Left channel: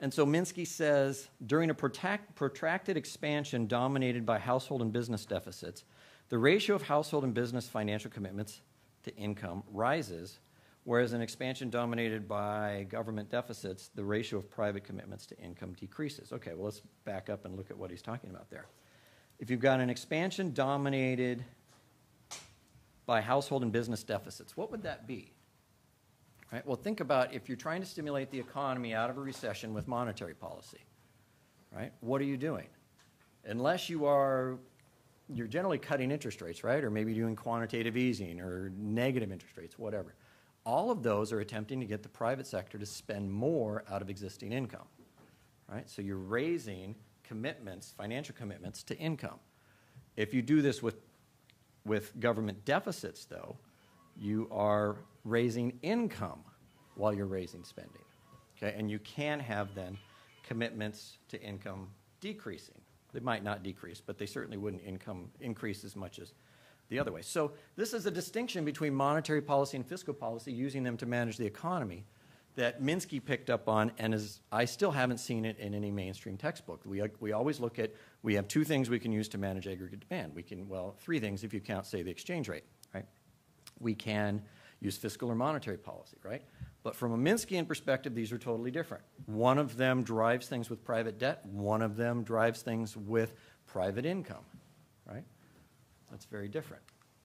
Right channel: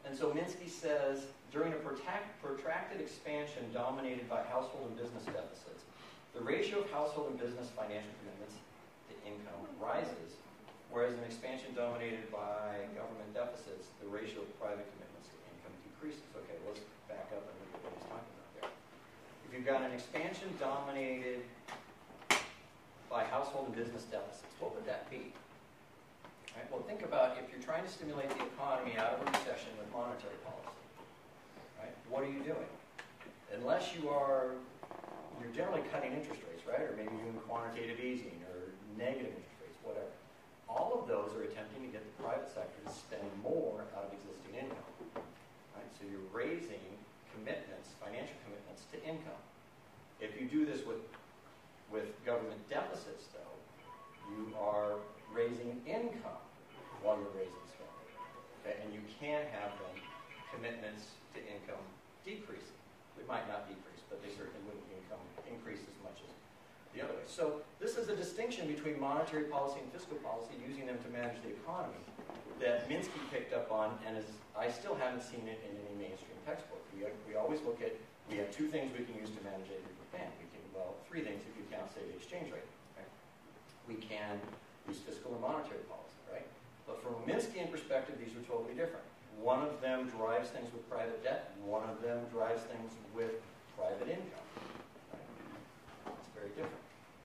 And so Minsky says, during a protracted expansion dominated by household and business deficits, the ratio of household and business financial commitments to income rises, whereas an expansion dominated by government deficits, the ratio of private commitments to income decreases. Okay, well, let's back up and look at what he's talking about there. If you've got an expansion dominated by household and business deficits, what would that be? Right, well, think about if you're trying to stimulate the economy out of a recession with monetary policy. Right? What are you doing? Unless you're generally cutting interest rates, right? Or maybe doing quantitative easing or negative interest rates, whatever. All of those are attempting to get the private sector to spend more out of existing income. Right? So you're raising commitments, financial commitments to income. If you do this with government deficits, though, you are raising income while you're raising spending. Okay? And you can have then commitments to income decreasing. They might not decrease, but they certainly wouldn't increase as much as the other way. So this is a distinction between monetary policy and fiscal policy, using them to manage the economy, that Minsky picked up on, and I still haven't seen it in any mainstream textbook. We always look at, we have two things we can use to manage aggregate demand. Three things if you count, say, the exchange rate. Right? We can use fiscal or monetary policy, right? But from a Minskyan perspective, these are totally different. One of them drives things with private debt. One of them drives things with private income, right? It's very different.